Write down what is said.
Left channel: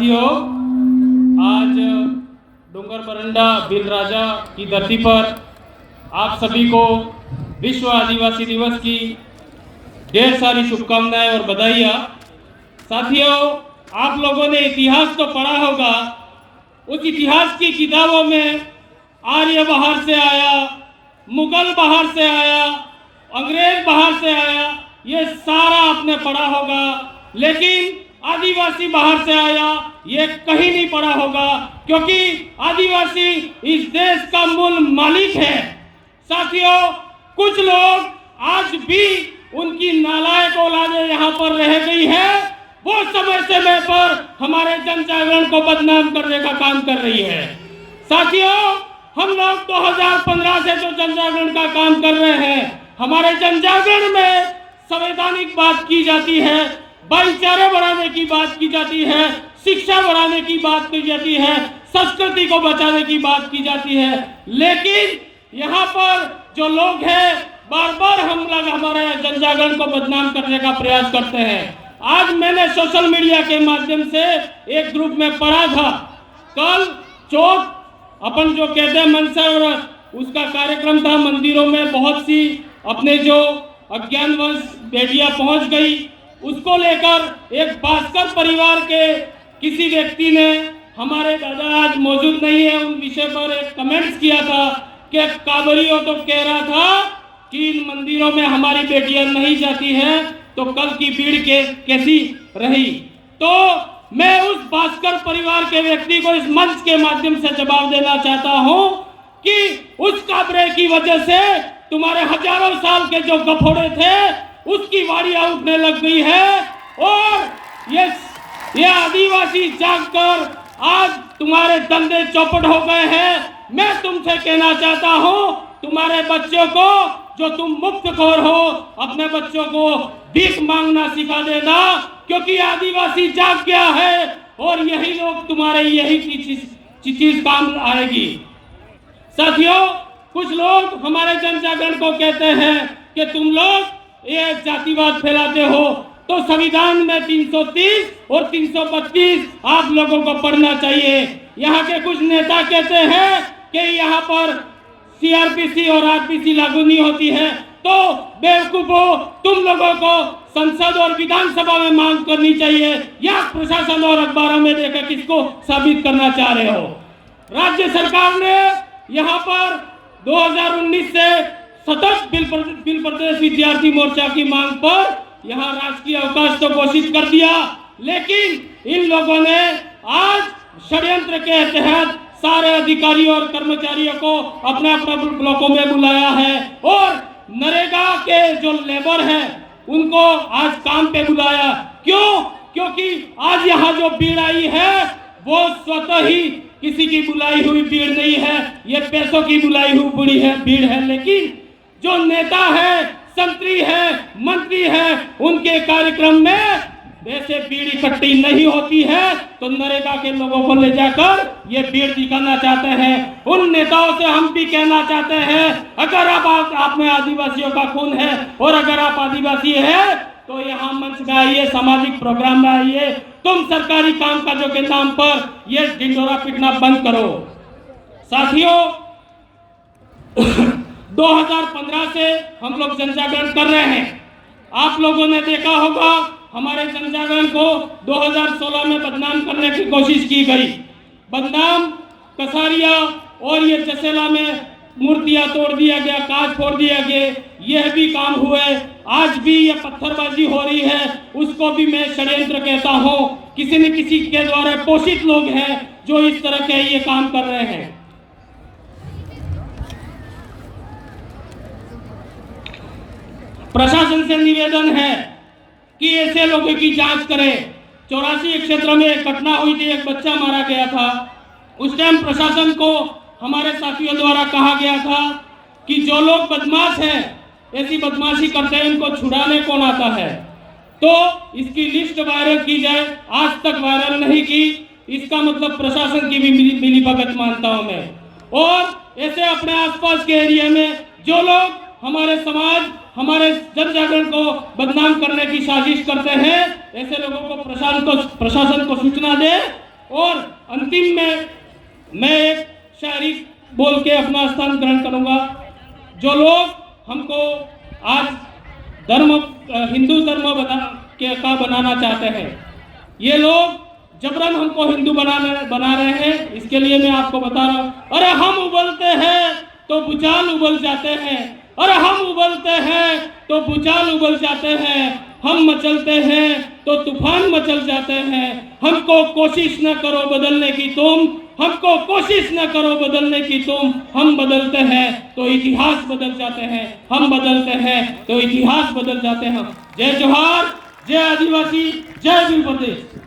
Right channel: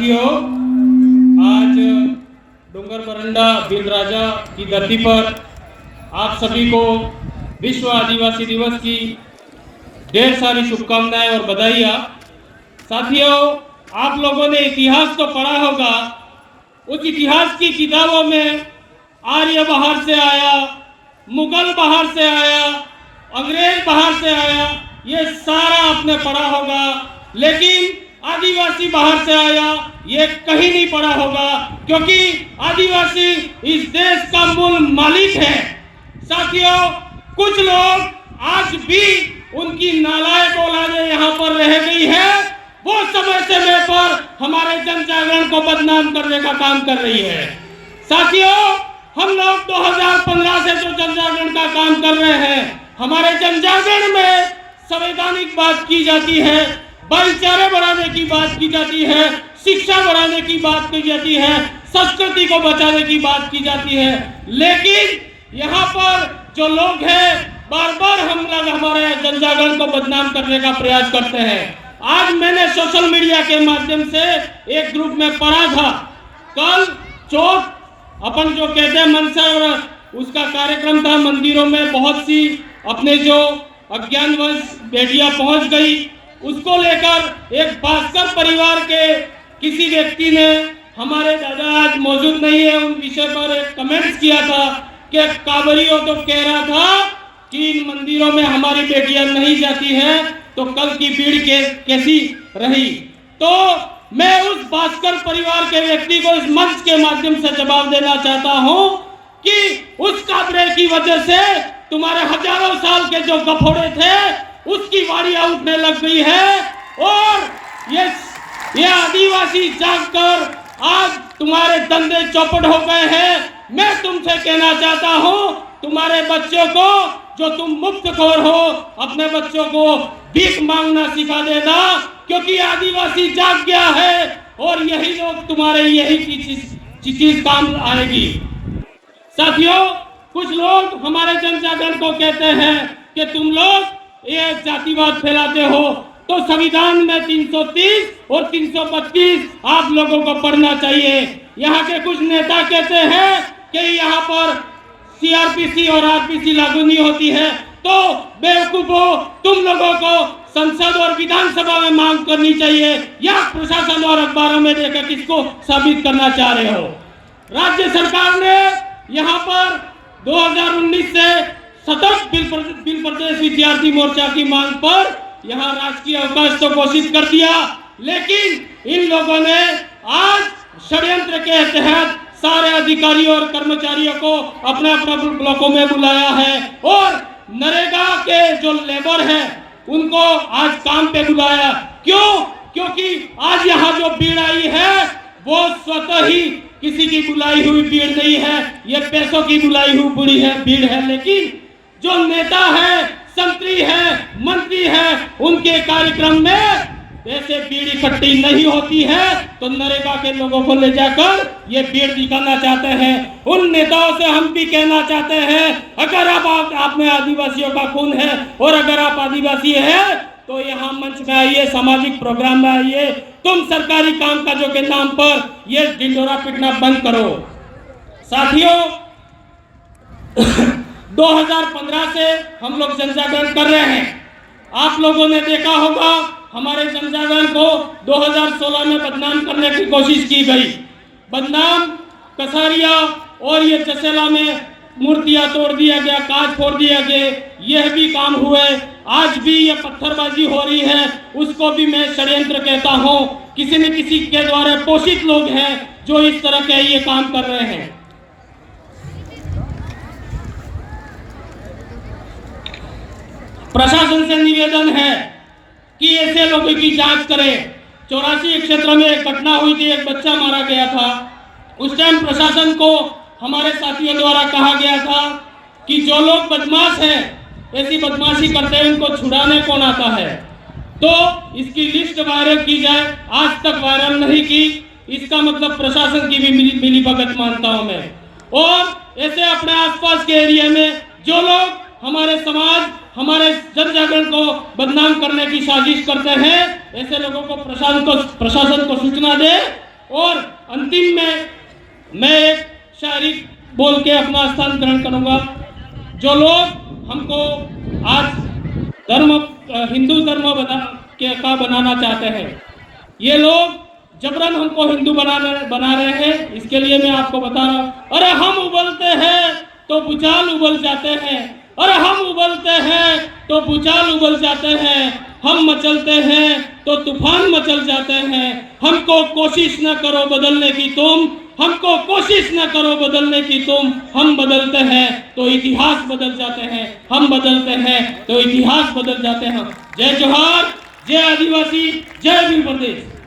साथियों, आज डूंगर बरंडा भील राजा की धरती पर आप सभी को विश्व आदिवासी दिवस की ढेर सारी शुभकामनाएं और बधाइयाँ। साथियों, आप लोगों ने इतिहास तो पढ़ा होगा। उस इतिहास की किताबों में आर्य बाहर से आया, मुगल बाहर से आया, अंग्रेज बाहर से आया, ये सारा आपने पढ़ा होगा। लेकिन आदिवासी बाहर से आया ये कहीं नहीं पढ़ा होगा, क्योंकि आदिवासी इस देश का मूल मालिक है। साथियों, कुछ लोग आज भी उनकी नालायक औलादे यहाँ पर रह गई है, वो समय समय पर हमारे जन जागरण को बदनाम करने का काम कर रही है। साथियों, हम लोग 2015 से जो जन जागरण का काम कर रहे हैं, हमारे जन जागरण में संवैधानिक बात की जाती है, भाईचारे बढ़ाने की बात की जाती है, शिक्षा बढ़ाने की बात की जाती है, संस्कृति को बचाने की बात की जाती है। लेकिन यहाँ पर जो लोग हैं बार बार हम लोग हमारे जन जागरण को बदनाम करने का प्रयास करते हैं। आज मैंने सोशल मीडिया के माध्यम से एक ग्रुप में पढ़ा था, कल चौथ अपन जो कहते हैं मनसा व्रत, उसका कार्यक्रम था। मंदिरों में बहुत सी अपने जो अज्ञानवश बेटियां पहुंच गई, उसको लेकर एक भास्कर परिवार के किसी व्यक्ति ने, हमारे दादा आज मौजूद नहीं है, उन विषय पर एक कमेंट्स किया था कि कांवरियों तो कह रहा था कि इन मंदिरों में हमारी बेटियां नहीं जाती हैं, तो कल की भीड़ कैसी रही। तो मैं उस भास्कर परिवार के व्यक्ति को इस मंच के माध्यम से जवाब देना चाहता हूं कि उस काबरे की वजह से तुम्हारे हजारों साल के जो गफोड़े थे उसकी वारियां उठने लग गई है, और ये आदिवासी जागकर आज तुम्हारे धंधे चौपट हो गए हैं। मैं तुमसे कहना चाहता हूं, तुम्हारे बच्चों को, जो तुम मुफ्तखोर हो, अपने बच्चों को भीख मांगना सिखा देना, क्योंकि आदिवासी जाग गया है और यही लोग तुम्हारे यही चीज काम आएगी। साथियों, कुछ लोग हमारे जन जागरण को कहते हैं कि तुम लोग ये जातिवाद फैलाते हो, तो संविधान में 330 और 325 आप लोगों को पढ़ना चाहिए। यहाँ के कुछ नेता कहते हैं कि यहाँ पर सीआरपीसी और आरपीसी लागू नहीं होती है, तो बेवकूफो, तुम लोगों को संसद और विधानसभा में मांग करनी चाहिए, या प्रशासन और अखबारों में देकर किसको साबित करना चाह रहे हो। राज्य सरकार ने यहाँ पर 2019 से सतत बिल प्रदेश विद्यार्थी मोर्चा की मांग पर यहाँ राजकीय अवकाश तो घोषित कर दिया, लेकिन इन लोगों ने आज षड्यंत्र के तहत सारे अधिकारियों और कर्मचारियों को अपने अपने ब्लॉकों में बुलाया है, और नरेगा के जो लेबर है उनको आज काम पे बुलाया। क्यों? क्योंकि आज यहाँ जो भीड़ आई है वो स्वतः ही किसी की बुलाई हुई भीड़ नहीं है, ये पैसों की बुलाई हुई भीड़ है। लेकिन जो नेता है, संतरी है, मंत्री है, उनके कार्यक्रम में वैसे भीड़ इकट्ठी नहीं होती है, तो नरेगा के लोगों को ले जाकर ये भीड़ दिखाना चाहते हैं। उन नेताओं से हम भी कहना चाहते हैं, अगर आप में आदिवासियों का खून है और अगर आप आदिवासी है, तो यहाँ मंच में आइए, सामाजिक प्रोग्राम में आइए। तुम सरकारी काम काजों के नाम पर ये ढिंढोरा पीटना बंद करो। साथियों, 2015 से हम लोग जन जागरण कर रहे हैं। आप लोगों ने देखा होगा हमारे जन जागरण को 2016 में बदनाम करने की कोशिश की गई। बदनाम, कसारिया और ये जसेला में मूर्तियां तोड़ दिया गया, कांच फोड़ दिया गया, यह भी काम हुए। आज भी ये पत्थरबाजी हो रही है, उसको भी मैं षड्यंत्र कहता हूँ। किसी न किसी के द्वारा पोषित लोग हैं जो इस तरह के ये काम कर रहे हैं। प्रशासन से निवेदन है कि ऐसे लोगों की जांच करें। 84 क्षेत्र में एक घटना हुई थी, एक बच्चा मारा गया था। उस टाइम प्रशासन को हमारे साथियों द्वारा कहा गया था कि जो लोग बदमाश हैं, ऐसी बदमाशी करते हैं, उनको छुड़ाने कौन आता है, तो इसकी लिस्ट वायरल की जाए। आज तक वायरल नहीं की, इसका मतलब प्रशासन की भी मिली भगत मानता हूं मैं। और ऐसे अपने आसपास के एरिया में जो लोग हमारे समाज, हमारे जन जागरण को बदनाम करने की साजिश करते हैं, ऐसे लोगों को प्रशासन को सूचना दे और अंतिम में मैं एक शायरी बोल के अपना स्थान ग्रहण करूंगा। जो लोग हमको आज हिंदू धर्म का बनाना चाहते हैं, ये लोग जबरन हमको हिंदू बना रहे हैं। इसके लिए मैं आपको बता रहा हूँ, अरे हम उबलते हैं तो भूचाल उबल जाते हैं, अरे हम उबलते हैं तो भूचाल उबल जाते हैं, हम मचलते हैं तो तूफान मचल जाते हैं। हमको कोशिश न करो बदलने की तुम, हमको कोशिश न करो बदलने की तुम। हम बदलते हैं तो इतिहास बदल जाते हैं, हम बदलते हैं तो इतिहास बदल जाते हैं। जय जोहार, जय आदिवासी, जय भीम प्रदेश।